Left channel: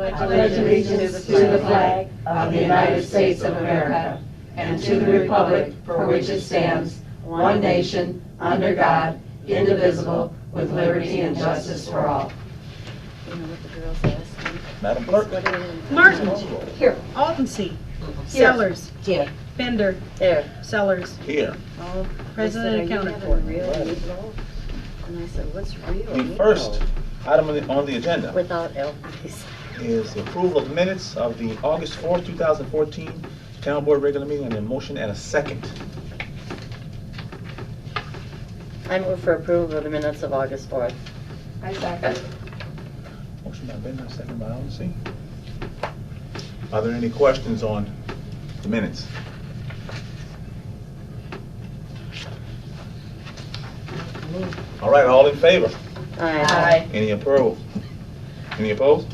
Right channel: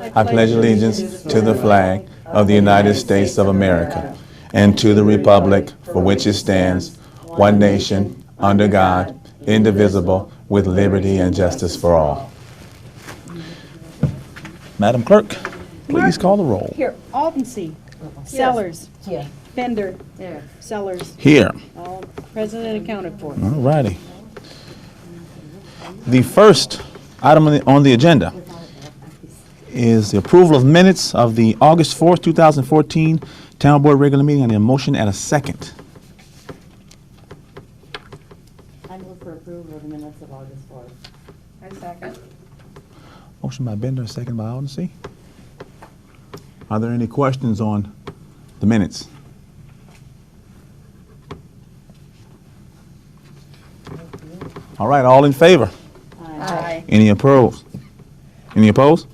I pledge allegiance to the flag of the United States of America and to the republic for which it stands, one nation, under God, indivisible, with liberty and justice for all. Madam Clerk, please call the roll. Here, Altensee. Sellers. Here. Fender. There. Sellers. Here. All present and accounted for. All righty. The first item on the agenda Without L, please. is the approval of minutes of the August 4th, 2014 Town Board regular meeting, and a motion and a second. I move for approval of the minutes of August 4th. I second. Motion by Bender, second by Odyssey. Are there any questions on the minutes? All right, all in favor? Aye. Any opposed? Any opposed?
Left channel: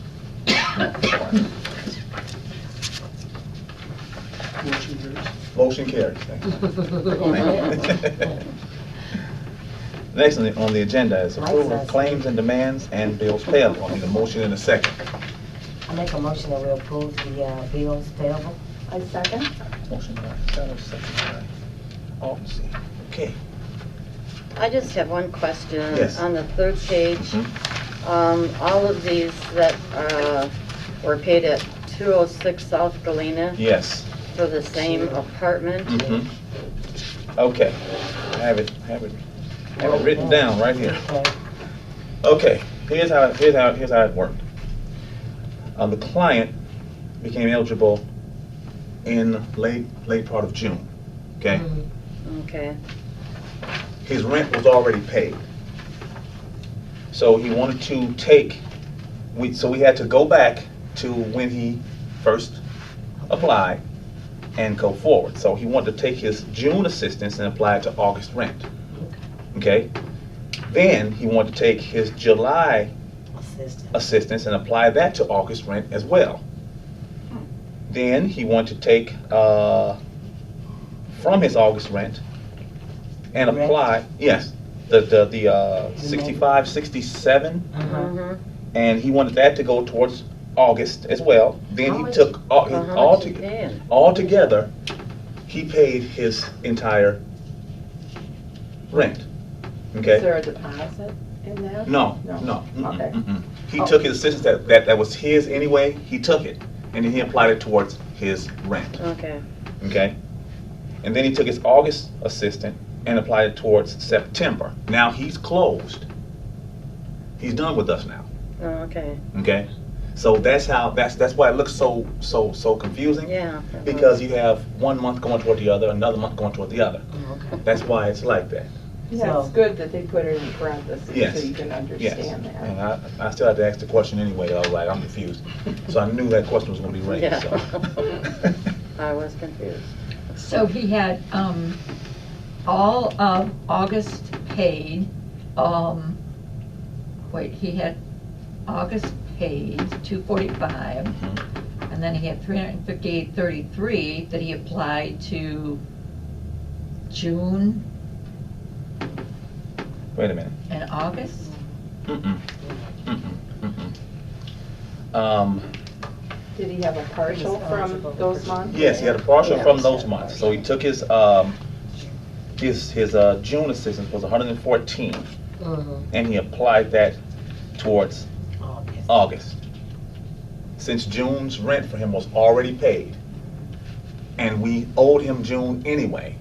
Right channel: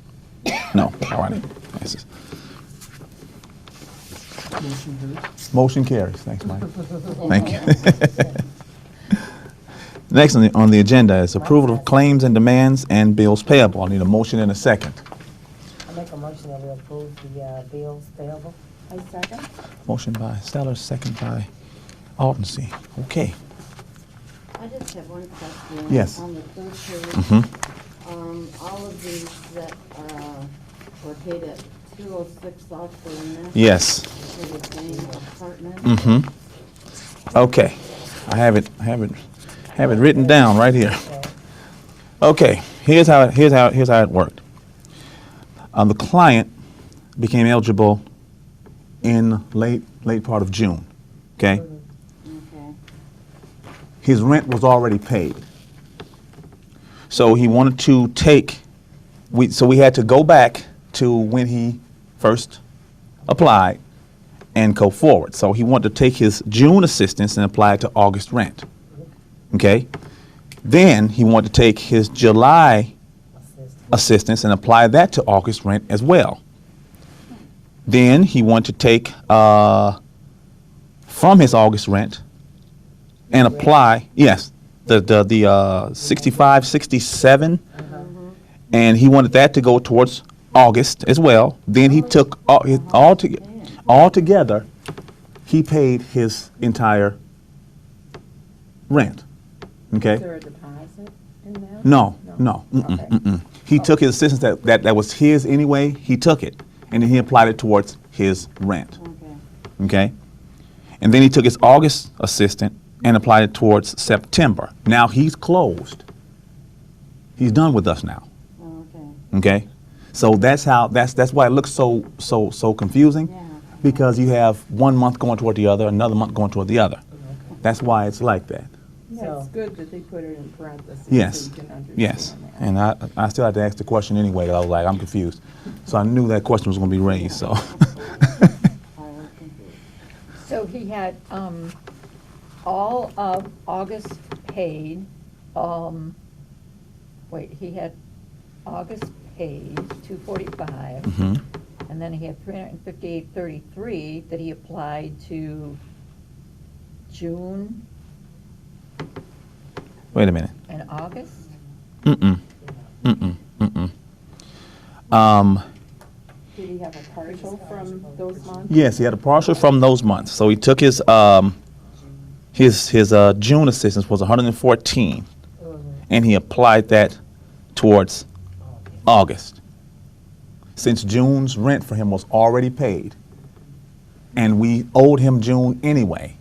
No. All right. Motion carries. Thanks, Mike. Thank you. Next on the agenda is approval of claims and demands and bills payable. I need a motion and a second. I make a motion that we approve the bills payable. I second. Motion by Sellers, second by Altensee. Okay. I just have one question. Yes. On the third page, Mm-hmm. all of these that were paid at 206 South Galena Yes. for the same apartment. Mm-hmm. Okay. I have it written down right here. Okay. Here's how it worked. The client became eligible in late part of June. Okay. Okay. His rent was already paid. So he wanted to take, so we had to go back to when he first applied and go forward. So he wanted to take his June assistance and apply it to August rent. Okay? Then he wanted to take his July assistance and apply that to August rent as well. Then he wanted to take from his August rent and apply, yes, the 65, 67, and he wanted that to go towards August as well. Then he took all together, he paid his entire rent. Okay? Is there a deposit in that? No. Okay. He took his assistance that was his anyway, he took it, and then he applied it towards his rent. Okay. Okay? And then he took his August assistant and applied it towards September. Now he's closed. He's done with us now. Oh, okay. Okay? So that's why it looks so confusing. Yeah. Because you have 1 month going toward the other, another month going toward the other. That's why it's like that. Yeah, it's good that they put it in parentheses Yes. so you can understand Yes. that. And I still had to ask the question anyway. I was like, I'm confused. So I knew that question was going to be raised. Yeah. So. I was confused. So he had all of August paid. He had August paid $245, Mhm. and then he had $358.33 that he applied to June Wait a minute. and August. Did he have a partial from those months? Yes, he had a partial from those months. So he took his June assistance was 114, and he applied that towards August. Since June's rent for him was already paid, and we owed him June anyway,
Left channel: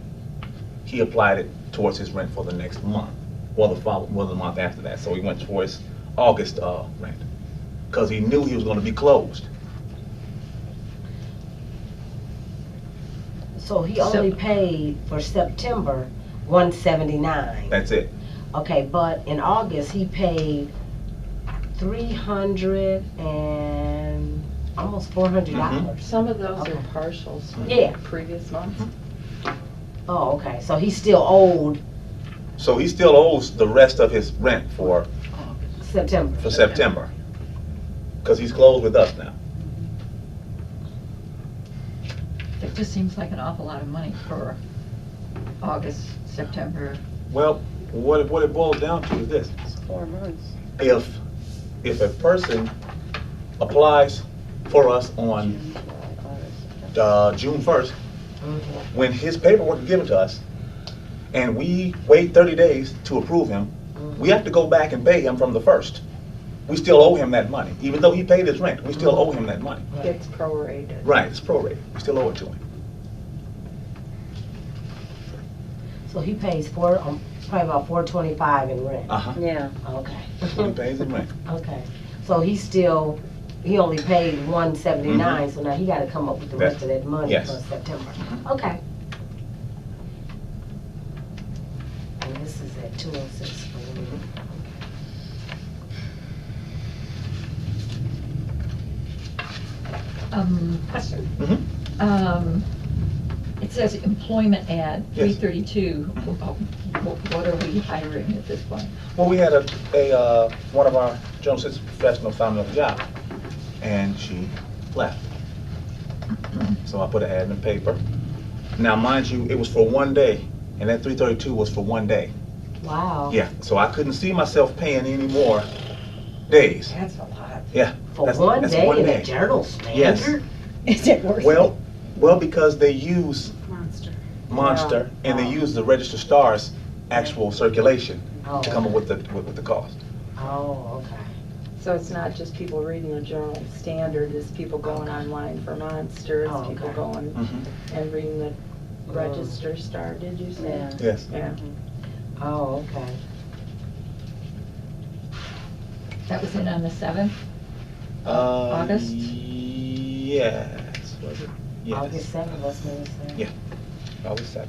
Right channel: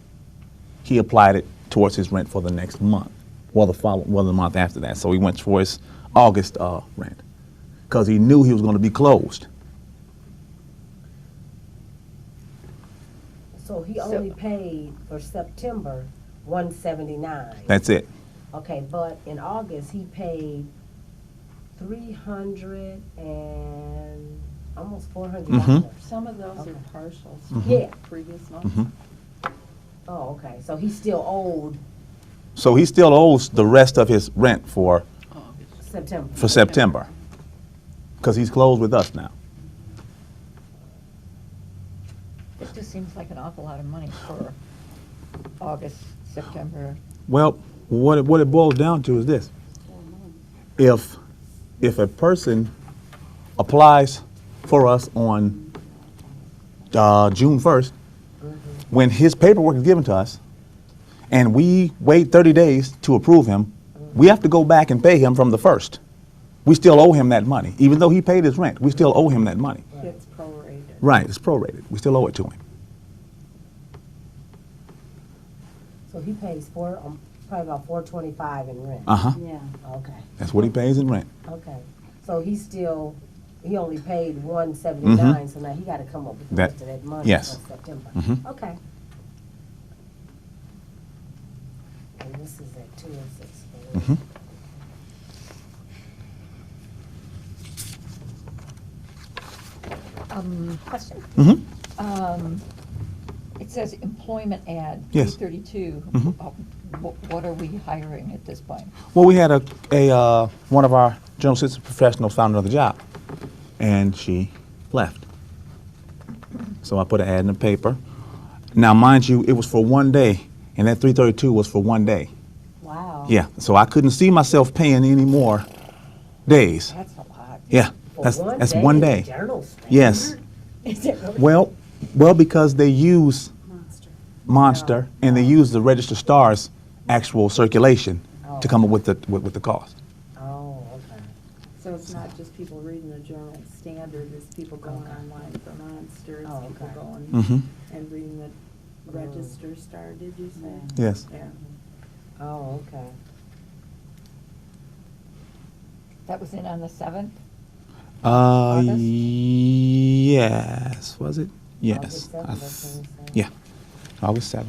he applied it towards his rent for the next month, the month after that. So he went towards August rent, because he knew he was going to be closed. So he only paid for September $179. That's it. Okay, but in August he paid $300 and almost $400. Some of those Okay. are partials Yeah. from previous months. Mhm. Oh, okay. So he still owed So he still owes the rest of his rent for September. because he's closed with us now. It just seems like an awful lot of money for August, September. Well, what it boils down to is this: It's 4 months. if a person applies for us on June 1st, when his paperwork is given to us, and we wait 30 days to approve him, we have to go back and pay him from the 1st. We still owe him that money. Even though he paid his rent, we still owe him that money. It's prorated. Right, it's prorated. We still owe it to him. So he pays probably about $425 in rent. Uh-huh. Yeah. Okay. That's what he pays in rent. Okay. So he only paid $179, so now he gotta come up with the That- rest of that money yes. for September. Mhm. Okay. And this is at 206 for Mhm. Question. Mhm. It says employment ad, Yes. 332. Mhm. What are we hiring at this point? Well, we had one of our general assistant professionals found another job, and she left. So I put an ad in the paper. Now, mind you, it was for one day, and that 332 was for one day. Wow. Yeah, so I couldn't see myself paying any more days. That's a lot. Yeah, For that's one that's day one in day. the Journal Standard? Yes. Is it worth it? Well, because they use Monster, and they use the Register Star's actual circulation to come up with the cost. Oh, okay. So it's not just people reading the Journal Standard, it's people going online for Monster, it's Oh, people okay. going Mm-hmm. and reading the Register Star, did you say? Yeah. Yes. Yeah. Oh, okay. That was in on the 7th? August? August? Yes. Was it? Yes. August 7th, that's what it said. Yeah. August 7th.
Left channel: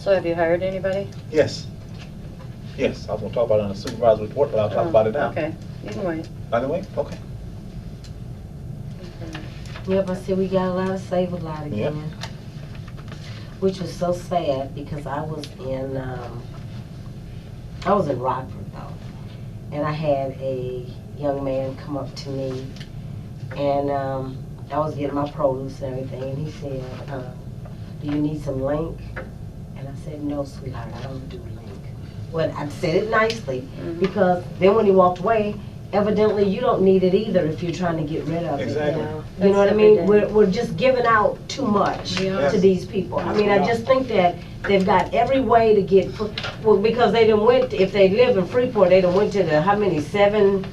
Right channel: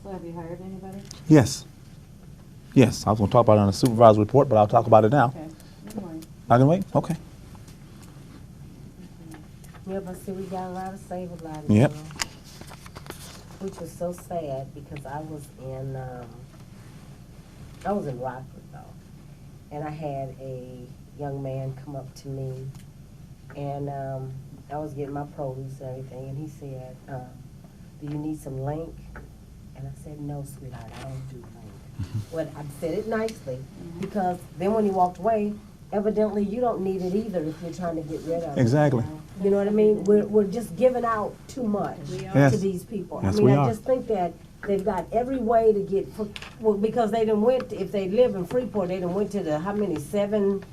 So have you hired anybody? Yes. Yes. I was going to talk about it on the supervisor report, but I'll talk about it now. Okay, you can wait. Either way? Okay. Yeah, but see, we got a lot of save a lot again. Yep. Which was so sad because I was in Rockford though. And I had a young man come up to me and I was getting my produce and everything and he said, do you need some link? And I said, no, sweetheart, I don't do link. Well, I said it nicely because then when he walked away, evidently you don't need it either if you're trying to get rid of it. Exactly. You know what I That's mean? every day. We're just giving out too much We are. Yes. to these people. Yes, I mean, we I are. just think that they've got every way to get, well, because they done went, if they live in Freeport, they done went to the, how many, 7 food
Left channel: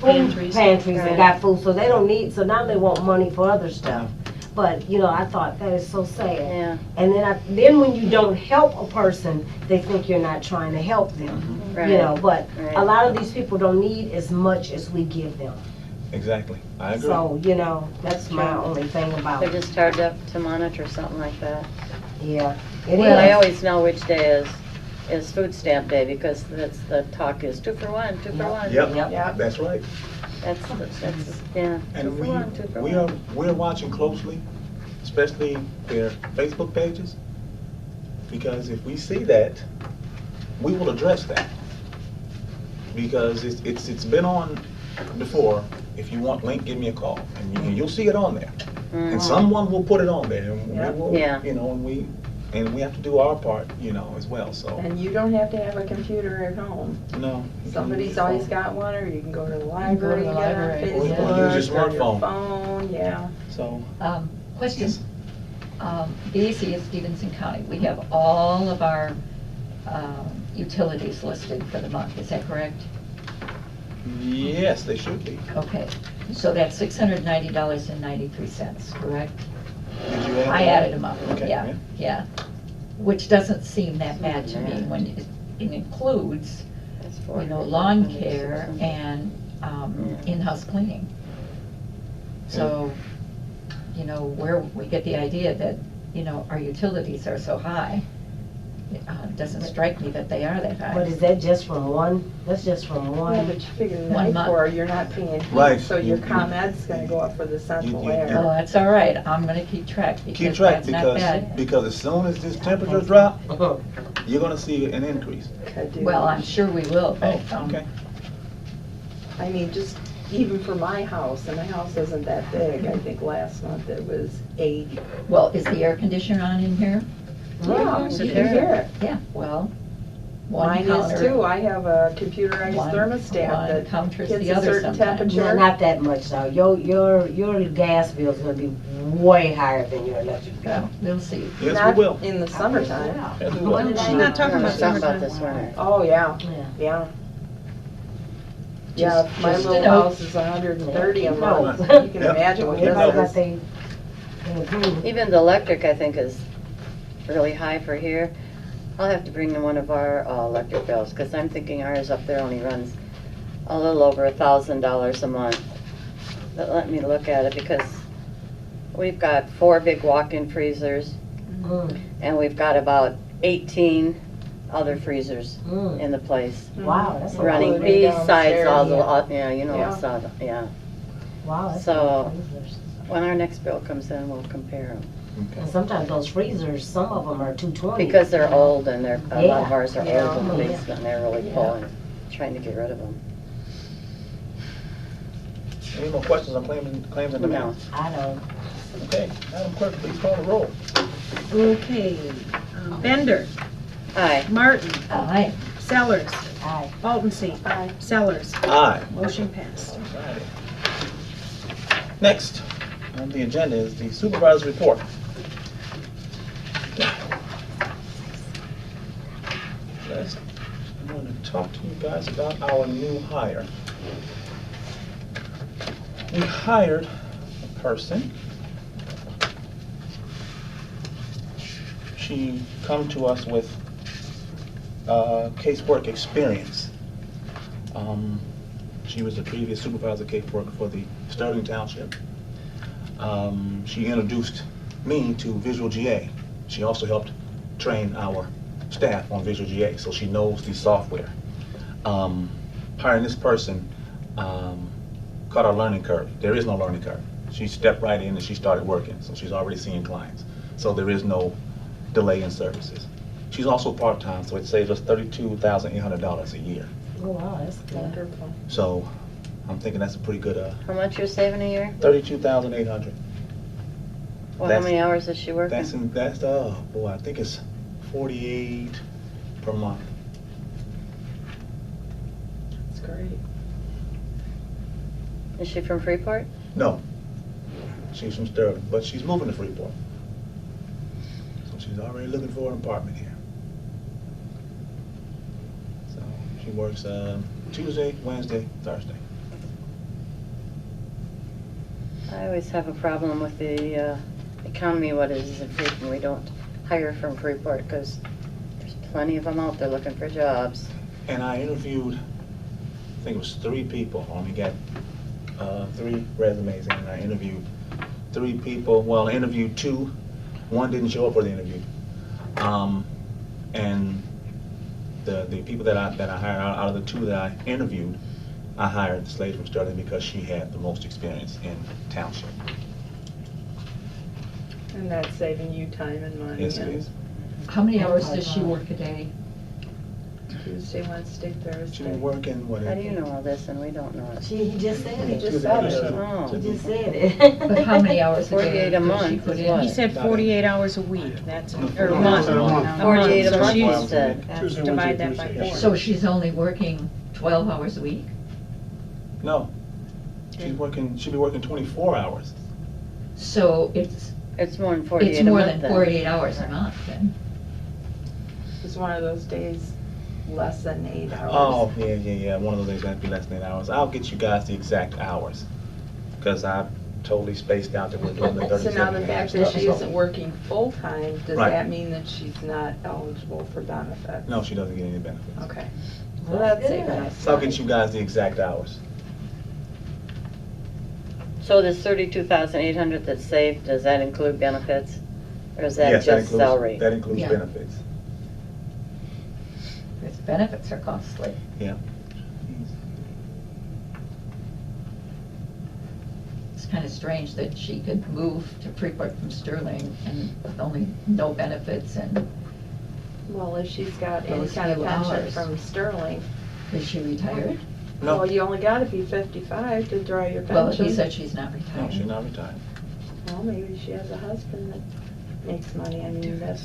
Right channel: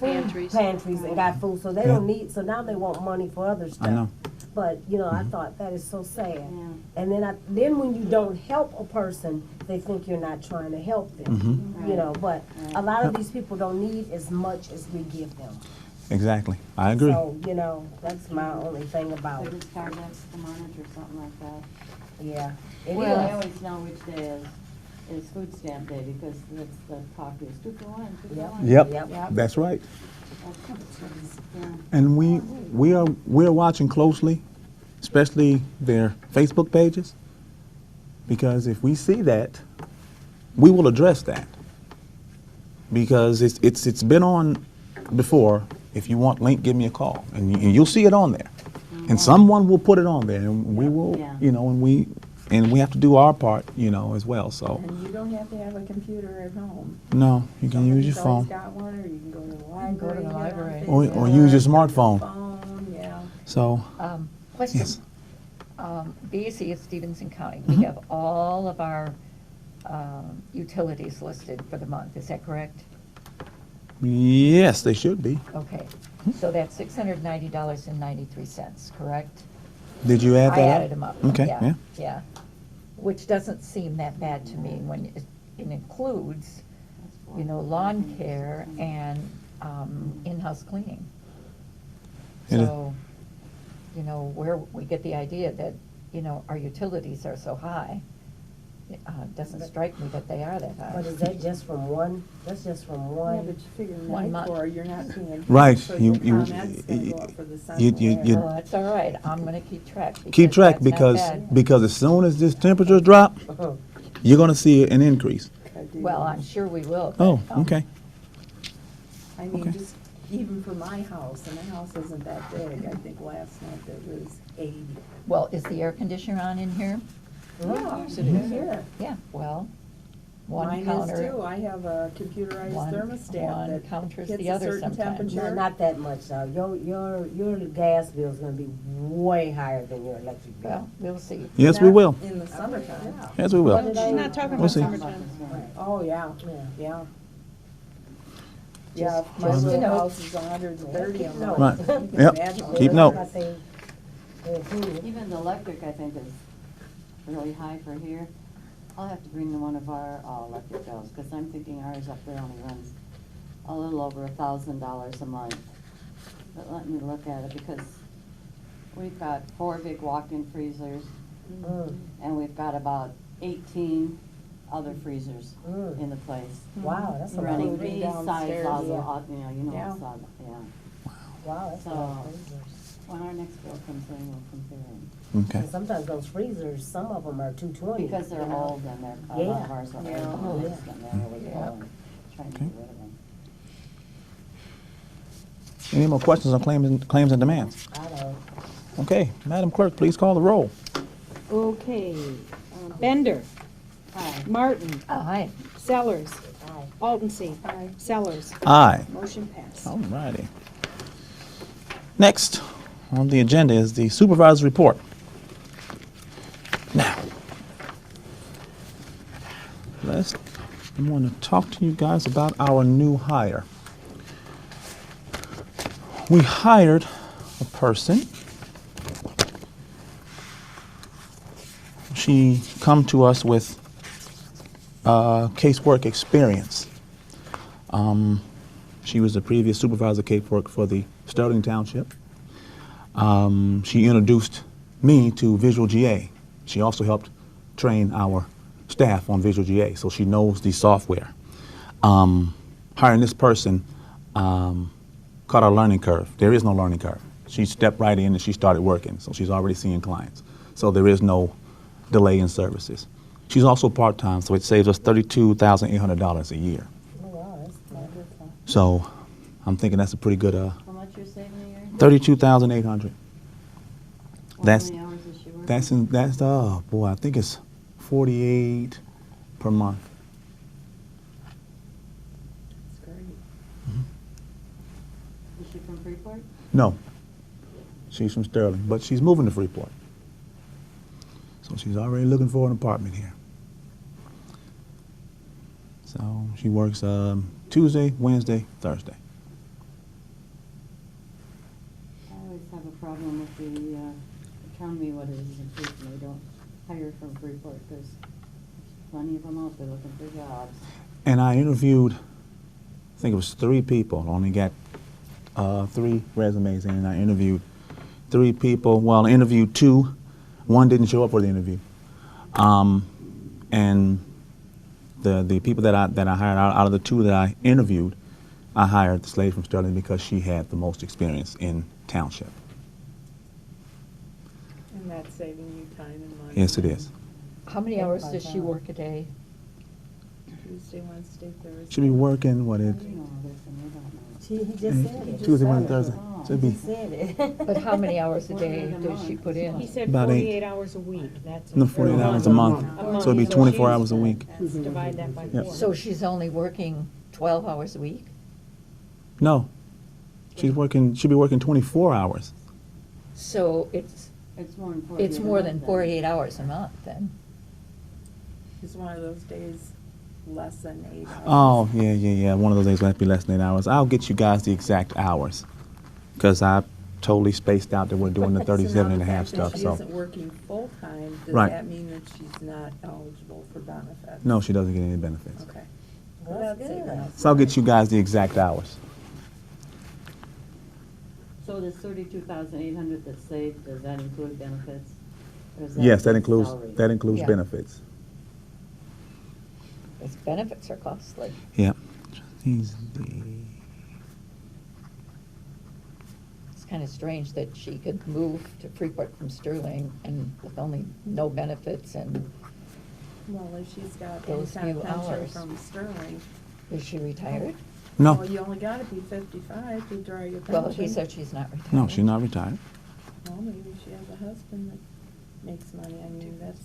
Pantries. pantries and Right. got food, so they don't need, so now they want money for other I stuff. know. But, you know, I thought that is so sad. Yeah. And then when you don't help a person, they think you're not trying to help them. Mhm. Right. You know, but Right. a lot of these people don't need as much as we give them. Exactly. I agree. So, you know, that's my True. only thing about They're it. just hard to monitor something like that. Yeah. It Well, I is. always know which day is food stamp day because that's the talk is 2 for 1, 2 for 1. Yep. Yeah. That's right. That's, yeah. And 2 for 1, 2 for 1. we're watching closely, especially their Facebook pages, because if we see that, we will address that. Because it's been on before. If you want link, give me a call, and you'll see it on there. And someone will put it on there, and we will, Yeah. you know, and we have to do our part, you know, as well. So And you don't have to have a computer at home. no, you can use Somebody's your always phone. got one, or you can go to the go to library, the get on library. Or Facebook. use your or smartphone. phone, yeah. So Question. yes. BAC is Stevenson County. We Mhm. have all of our utilities listed for the month. Is that correct? Yes, they should be. Okay. So that's $690.93, correct? Did you add that? I added them up. Okay, yeah. Yeah. Which doesn't seem that bad to me when it includes, That's you know, 400, lawn 600. care and Yeah. in-house cleaning. Yeah. So, you know, where we get the idea that, you know, our utilities are so high, it doesn't strike me that they are that high. But is that just from one? That's just from Yeah, one? but you figure the 1 night month. for, you're not paying. Right. So your You- ComEd's gonna go up for the central you- air. Oh, that's all right. I'm gonna keep track. Keep track that's not bad. because as soon as this temperature drop, Uh-huh. you're gonna see an increase. Could do. Well, I'm sure we will. but, Oh, okay. I mean, just even for my house, and my house isn't that big, I think last month it was 80. Well, is the air conditioner on in here? Yeah, Is you it can there? hear it. Yeah, well, one Mine counter. is too. I have a computerized One- thermostat one that counters hits the a other certain sometimes. No, temperature. not that much though. Your gas bill's gonna be way higher than your electric bill. Well, we'll see. Yes, we Not will. In the summertime. Yes, we will. What did I- She's not talking We're about talking about summertime. this winter. Oh, yeah, Yeah. yeah. Yeah, my just a little note. house is 130 a Keep month. notes. You can Yep. imagine what Keep that notes. But is. they improve. Even the electric, I think, is really high for here. I'll have to bring in one of our electric bills, because I'm thinking ours up there only runs a little over $1,000 a month. But let me look at it, because we've got 4 big walk-in freezers, Mm, and we've got about 18 other freezers mm. in the place. Wow, that's a lot. Running Including besides all the, downstairs. yeah, you know, Yeah. yeah. Wow, that's So- a lot of freezers. When our next bill comes in, we'll compare them. Okay. And sometimes those freezers, some of them are 220. Because they're old and a lot of Yeah. ours are Yeah. old in the Yeah. basement and they're really full and trying to get rid of them. Any more questions on claims and demands? I don't. Okay, Madam Clerk, please call the roll. Okay, Bender, Aye. Martin, Aye. Sellers, Aye. Altenstein, Sellers. Aye. Motion passed. Alrighty. Next on the agenda is the supervisor's report. Now, I want to talk to you guys about our new hire. We hired a person. She come to us with casework experience. She was the previous supervisor casework for the Sterling Township. She introduced me to Visual GA. She also helped train our staff on Visual GA, so she knows the software. Hiring this person caught our learning curve. There is no learning curve. She stepped right in and she started working, so she's already seeing clients. So there is no delay in services. She's also part-time, so it saves us $32,800 a year. Oh, wow, that's good. Wonderful. So I'm thinking that's a pretty good, How much you're saving a year? $32,800. Well, how That's- many hours is she working? That's oh boy, I think it's 48 per month. That's great. Is she from Freeport? No, she's from Sterling, but she's moving to Freeport. So she's already looking for an apartment here. So she works Tuesday, Wednesday, Thursday. I always have a problem with the economy, what it is in Freeport. We don't hire from Freeport because there's plenty of them out there looking for jobs. And I interviewed, I think it was 3 people. I only got 3 resumes in, and I interviewed 3 people. Well, I interviewed 2. 1 didn't show up for the interview. And the people that I hired, out of the 2 that I interviewed, I hired this lady from Sterling because she had the most experience in township. And that's saving you time and money. Yes, it and is. How many hours does she work a day? Tuesday, Wednesday, Thursday. She been working, what, How do you know all this and we don't know it? He just said it. Tuesday, Wednesday, said it. Thursday. Oh. So it'd He be- just said it. But how many hours a day 48 a does she month put is in? what? He said About 48 hours a week, that's, No, or 48 a month. hours a month. 48 So a it's month, 24 you hours a said. week. That's, divide that by Yeah. 4. So she's only working 12 hours a week? No, she'll be working 24 hours. So it's It's more than 48 a more month than then. 48 hours a month then? It's one of those days less than 8 hours. Oh, yeah. One of those days might be less than 8 hours. I'll get you guys the exact hours, because I totally spaced out that we're doing the So 37 now and the a half fact that stuff, she so. isn't working full-time, does Right. that mean that she's not eligible for benefits? No, she doesn't get any benefits. Okay. Well, Well, that's that's saving good. us. So I'll get you guys the exact hours. So this 32,800 that's saved, does that include benefits? Or is that Yes, that just includes, salary? that includes Yeah. benefits. Because benefits are costly. Yep. It's kind of strange that she could move to Freeport from Sterling and with only no benefits and Well, if she's got any Those kind of few pension hours. from Sterling, is she retired? No, well, you only gotta be 55 to draw your pension. Well, he said she's not retired. no, she's not retired. Well, maybe she has a husband that makes money, I mean, that's,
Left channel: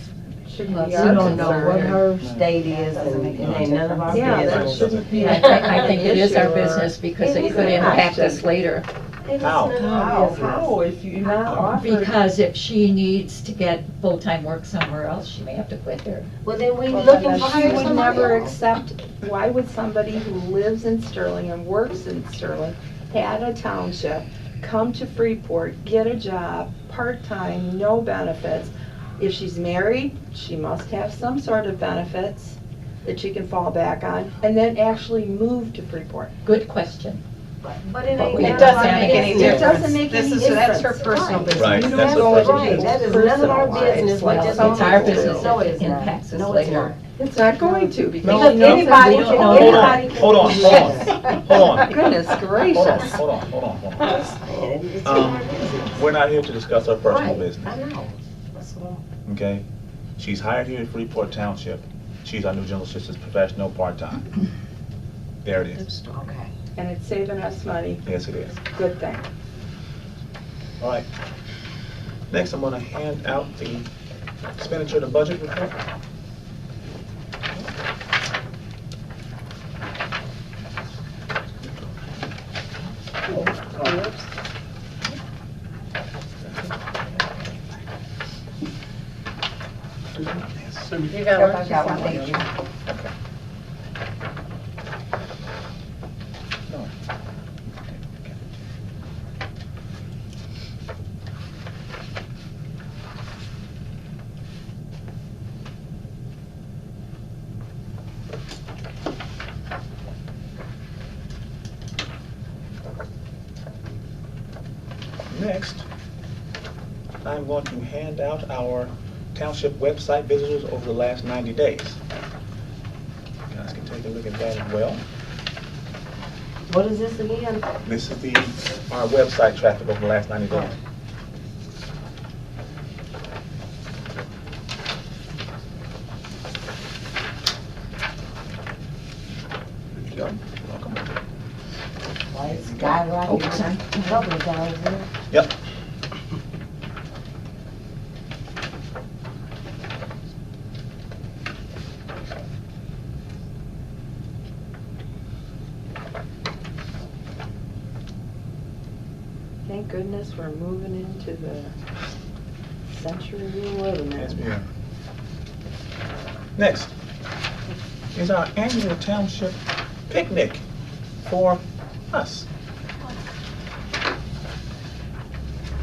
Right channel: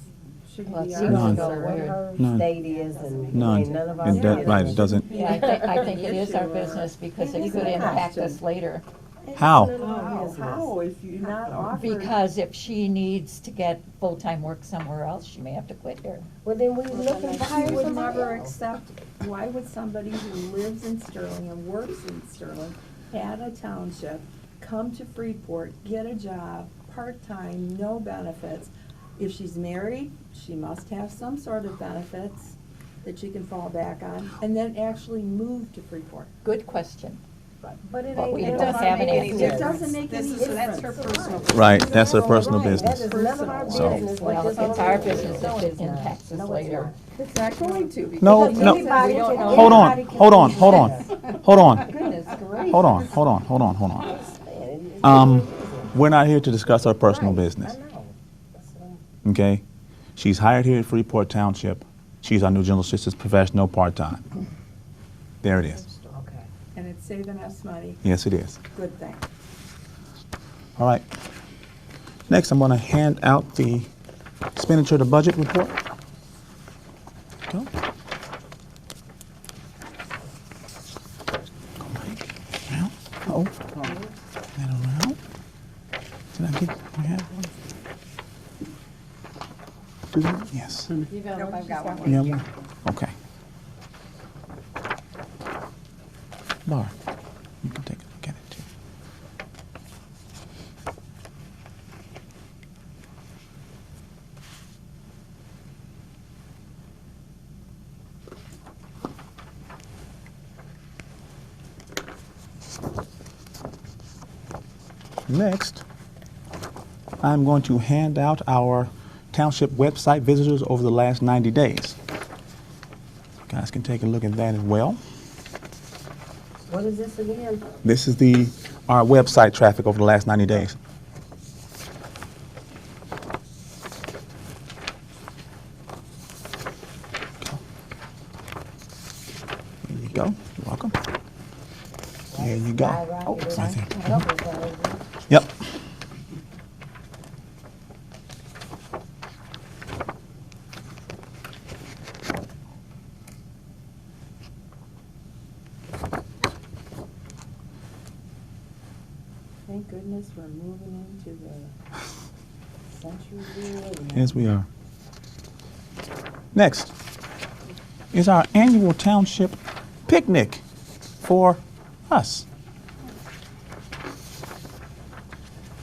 Shouldn't Well, be you our We don't know concern. what her No. state is, and it No. ain't none of our Yeah, Right, business. doesn't, Yeah, I think it is our Issue or- business because It it is could a impact us question. later. It's How? none of our How, business. how, if you're not offered? Because if she needs to get full-time work somewhere else, she may have to quit here. Well, then we Well, looking then for she her would somebody never else. accept, why would somebody who lives in Sterling and works in Sterling, had a township, come to Freeport, get a job, part-time, no benefits? If she's married, she must have some sort of benefits that she can fall back on, and then actually move to Freeport. Good question. But it But ain't we- none It of doesn't our make any business. It doesn't make This any is, that's her difference. personal business. Right, that's her personal Right, business. that is none of our business, Well, but it's just. our business No, that it's not. impacts us No, it's later. not. It's not going to, because No, she no. knows that Anybody we can- don't hold know. on, hold on, hold on, hold on, Goodness gracious. hold on, hold on, hold on, hold on. It's none of our business. We're not here to discuss our personal Right, business, I know. That's what okay? She's hired here at Freeport Township. She's our new general assistant professional part-time. There it is. okay. And it's saving us money, Yes, it is. good thing. All right. Next, I'm gonna hand out the expenditure to budget report. Yes. You got one? got one. Yeah, okay. Laura, you can take a look at it too. Next, I'm going to hand out our township website visitors over the last 90 days. You guys can take a look at that as well. What is this again? This is our website traffic over the last 90 days. There you go. You're welcome. There you go. Guy right Oh, here. sorry. Couple times, huh? Yep. Thank goodness we're moving into the century we're living in. Yes, we are. Next is our annual township picnic for us.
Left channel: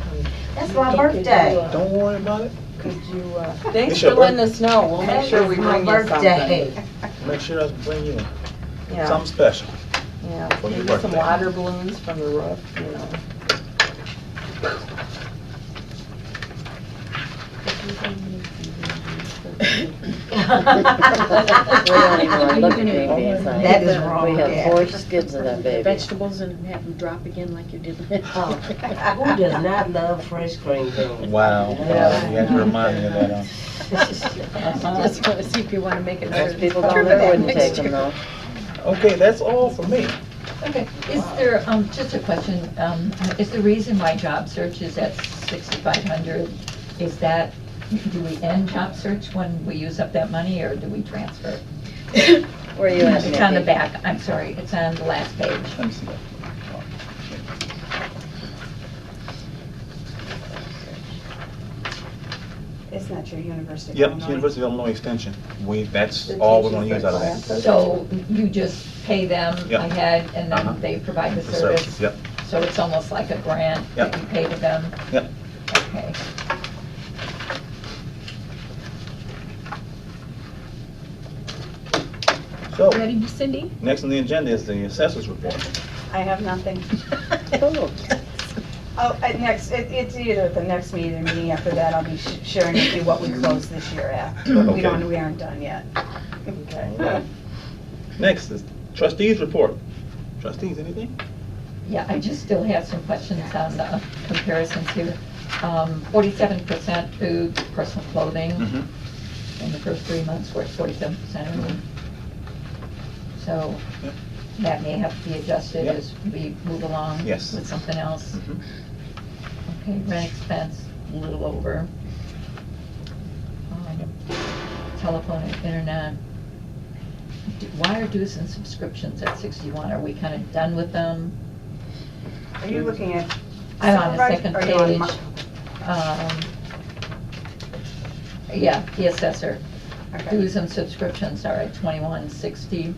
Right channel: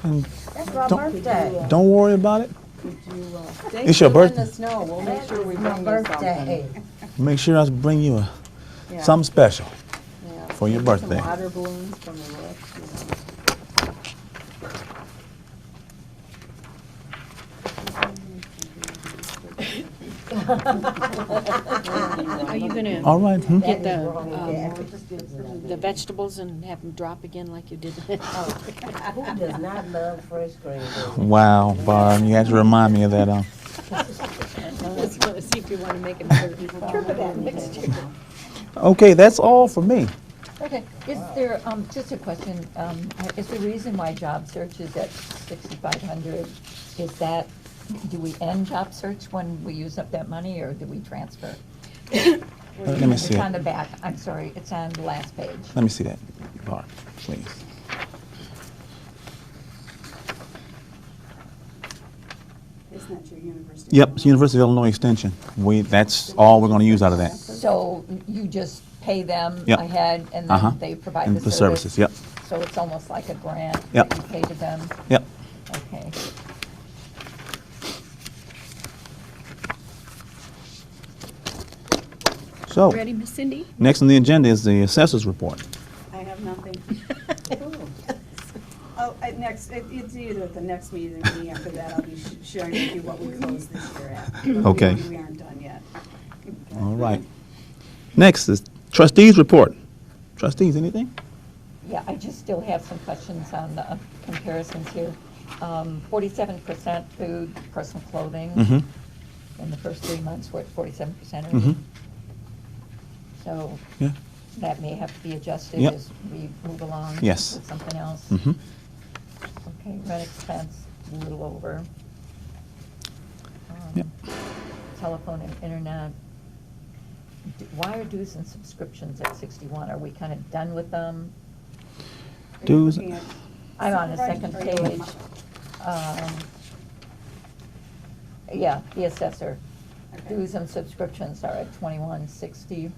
And That's my Don't- birthday. don't worry about it. Could you, It's thanks your for letting birthday. us know, we'll make sure we bring you That's my birthday. something. Make sure I bring you Yeah, something special. yeah. for your Some birthday. water balloons from the roof, you know. We don't even wanna look at All right. babies. That is wrong, We have yeah. 4 skids of that baby. Vegetables and have them drop again like you did. Who does not love fresh cream? Wow, wow, you had to remind me of that. Just want to see if you want to make it Most better. people don't know, wouldn't take them though. Okay, that's all for me. Okay, is there, just a question, is the reason why job search is at 6,500, is that, do we end job search when we use up that money, or do we transfer? Where are you at? It's on the Nikki? back, I'm sorry, it's on the last page. Let me see that. Oh, yes. Isn't that your university? Yep, it's University of Illinois Extension. That's all we're gonna use out of that. So you just pay them Yep. ahead, and Uh-huh. then they provide The the services, service? yep, So it's almost like a grant? Yep. that you pay to them? yep. Okay. So, Ready, Miss Cindy? next on the agenda is the assessors report. I have nothing. Oh, Oh, it's either at the next meeting or the meeting after that, I'll be sharing with you what we closed this year at. But Okay. we aren't done yet. All right. Next is trustees report. Trustees, anything? Yeah, I just still have some questions on the comparisons here. 47% food, personal clothing. Mm-hmm. In the first 3 months, we're at 47%. Mhm. So Yeah. that may have to be adjusted Yep. as we move along Yes. with something else. Mm-hmm. Okay, rent expense, a little over. Yep. telephone and internet. Why are dues and subscriptions at 61? Are we kind of done with them? Are you Dues- looking at? I'm on the Supervisor, second or you on page. my- Yeah, the assessor. Okay. Dues and subscriptions are at 2160, Is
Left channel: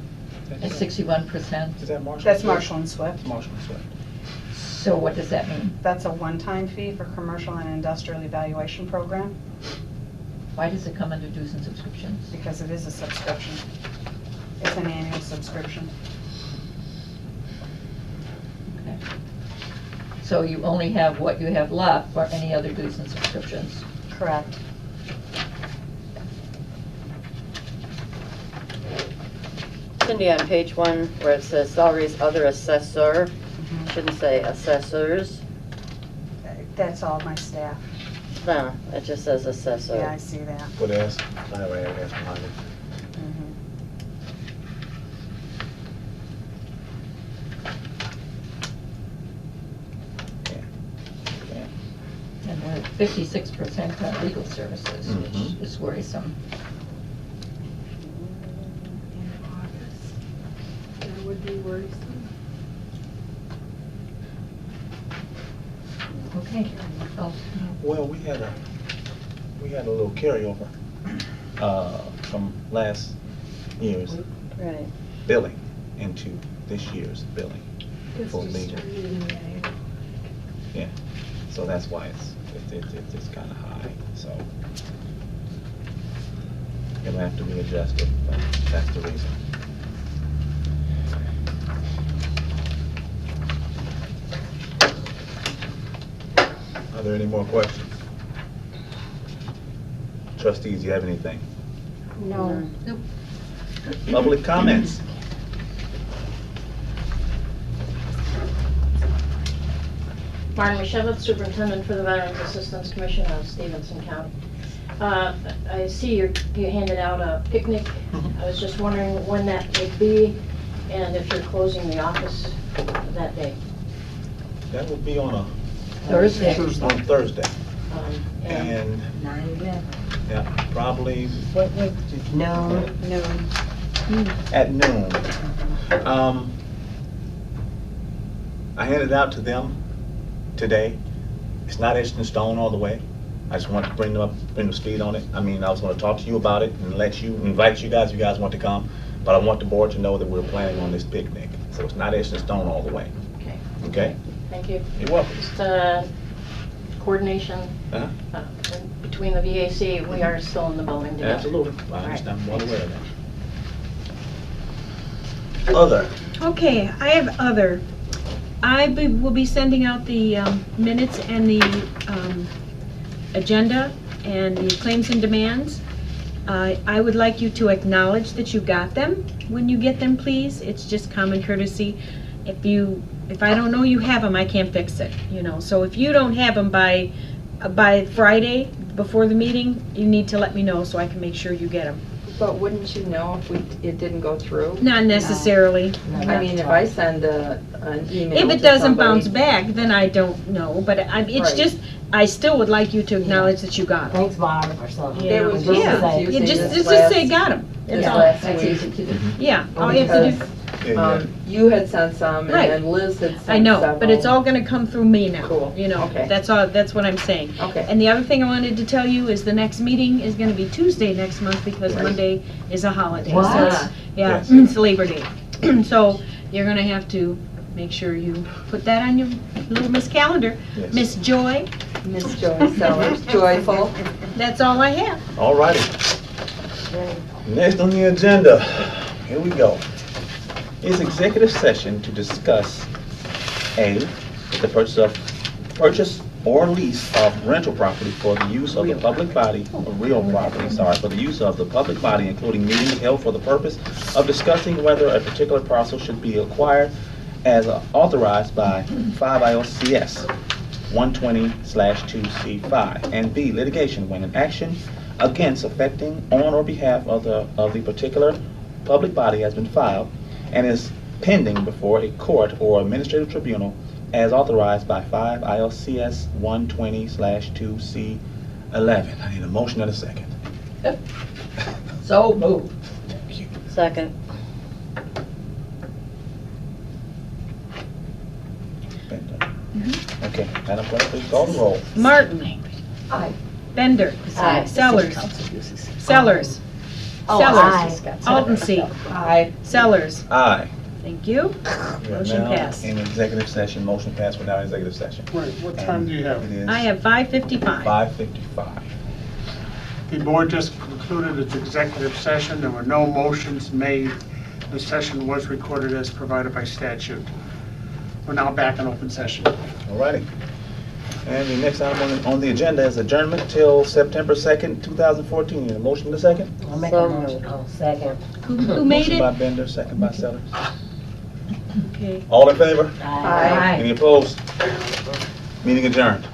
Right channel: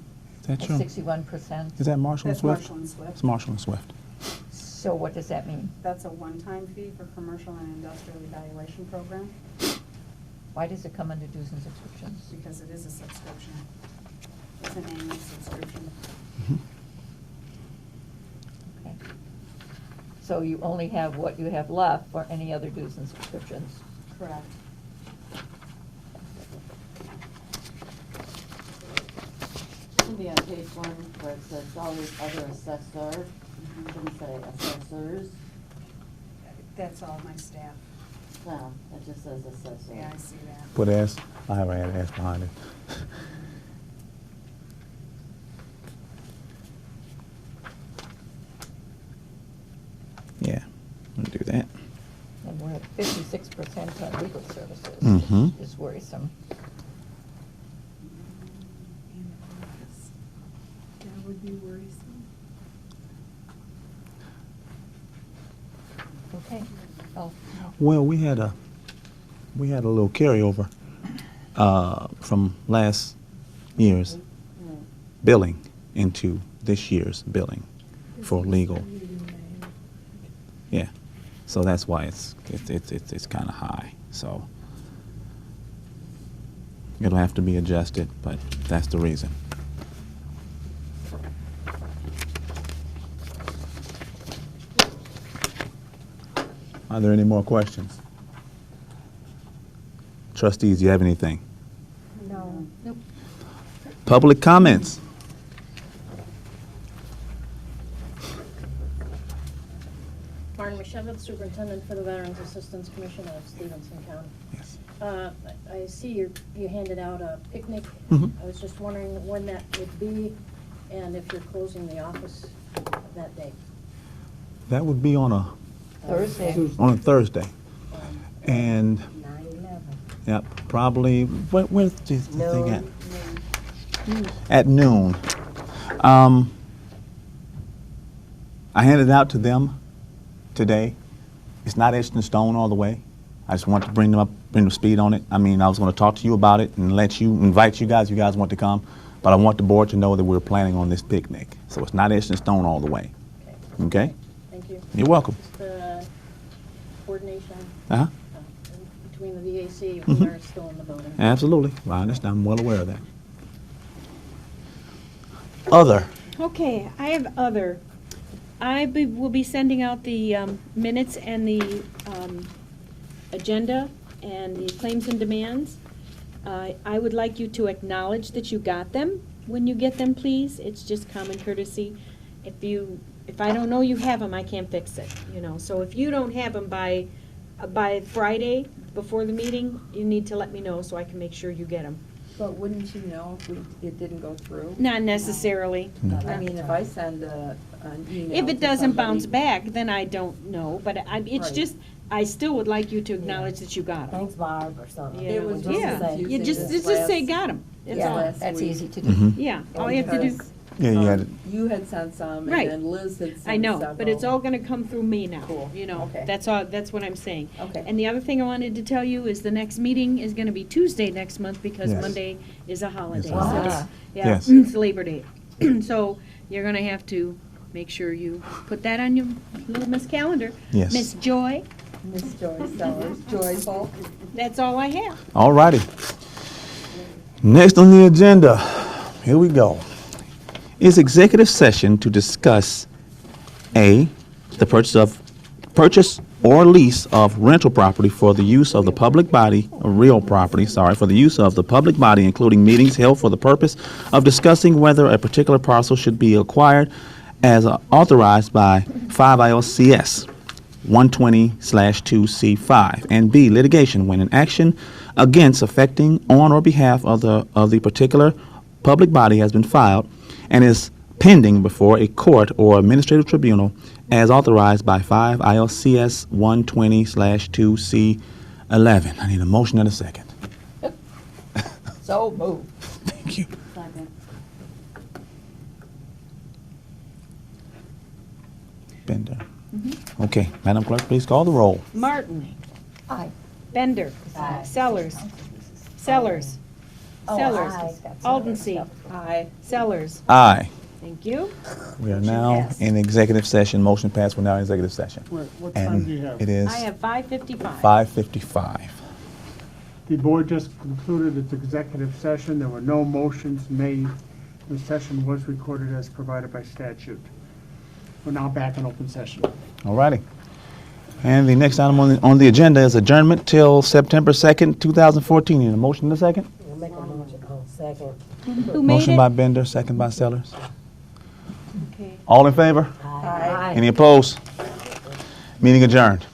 that at true? 61%. Is that Marshall? That's Swift? Marshall and Swift. It's Marshall and Swift. So what does that mean? That's a one-time fee for commercial and industrial evaluation program, Why does it come under dues and subscriptions? because it is a subscription. It's an annual subscription. Okay. So you only have what you have left for any other dues and subscriptions? Correct. Cindy, on page 1, where it says salaries other assessor, Mhm. shouldn't say assessors. That's all my staff. No, it just says assessor. Yeah, I see that. Put S, I have an S behind it. Mhm. Yeah, we'll do that. And they're at 56% on legal services, Mhm. which is worrisome. That would be worrisome. Okay. Oh, Well, we had a little carryover, from last year's Right. billing into this year's billing for legal. Yeah, so that's why it's kind of high, so. It'll have to be adjusted, but that's the reason. Are there any more questions? Trustees, do you have anything? No. nope. Public comments? Martin Mishevitz, Superintendent for the Veterans Assistance Commission of Stevenson County. I see you handed out a picnic. Mhm. I was just wondering when that would be and if you're closing the office that day. That would be on a Thursday. Thursday, Um, and, 9/11. yeah, probably, where's the thing No. at? Noon. At noon. I handed it out to them today. It's not etched in stone all the way. I just want to bring them speed on it. I mean, I was going to talk to you about it and invite you guys want to come, but I want the board to know that we're planning on this picnic. So it's not etched in stone all the way, Okay, okay? thank you. You're welcome. Just coordination Uh-huh. between the VAC, we Mhm. are still in the building. Absolutely. I understand. I'm well aware of that. Other. Okay, I have other. Will be sending out the minutes and the agenda and the claims and demands. I would like you to acknowledge that you got them when you get them, please. It's just common courtesy. If I don't know you have them, I can't fix it, you know. So if you don't have them by Friday, before the meeting, you need to let me know so I can make sure you get them. But wouldn't you know if it didn't go through? Not necessarily. I mean, if I send an email If to it doesn't somebody- bounce back, then I don't know, but it's Right. just, I still would like you to acknowledge that you got them. Thanks, Barb, or something. There was Just Yeah, say- you just this say last- got them. It's Yeah, last that's week. easy to do. Mhm. Yeah, all you have to do, Because, Yeah, yeah. you had sent some Right. and then Liz had sent I know, several. but it's all gonna come through me now, Cool. you know, Okay. that's all, that's what I'm saying. Okay. And the other thing I wanted to tell you is the next meeting is gonna be Tuesday next month because Yes. Monday is a holiday. So What? it's- Yeah, Yes. it's Labor Day. So you're gonna have to make sure you put that on your little Miss calendar. Yes. Miss Joy, Miss Joy Sellers, joyful. that's all I have. All righty. Next on the agenda, here we go, is executive session to discuss A, the purchase or lease of rental property for the use of the public body, or real property, for the use of the public body, including meetings held for the purpose of discussing whether a particular parcel should be acquired as authorized by 5 ILCS 120/2C5, and B, litigation when an action against affecting on or behalf of the particular public body has been filed and is pending before a court or administrative tribunal as authorized by 5 ILCS 120/2C11. I need a motion and a second. So moved. Thank you. Second. Bender. Okay, Madam Clerk, please call the roll. Martin. Aye. Bender. Aye. Sellers. Sellers. Oh, Sellers. aye. Aldency. Aye. Sellers. Aye. Thank you. We are Motion now passed. in executive session. Motion passed. We're now in executive session. Right, what And time do you have? It is I have 5:55. 5:55. The board just concluded its executive session. There were no motions made. The session was recorded as provided by statute. We're now back in open session. All righty. And the next item on the agenda is adjournment till September 2nd, 2014. Need a motion in a second? I'll make So a motion. moved. Oh, second. Who made Motion by it? Bender, second by Sellers. Okay. All in favor? Aye. Any opposed? Meeting adjourned.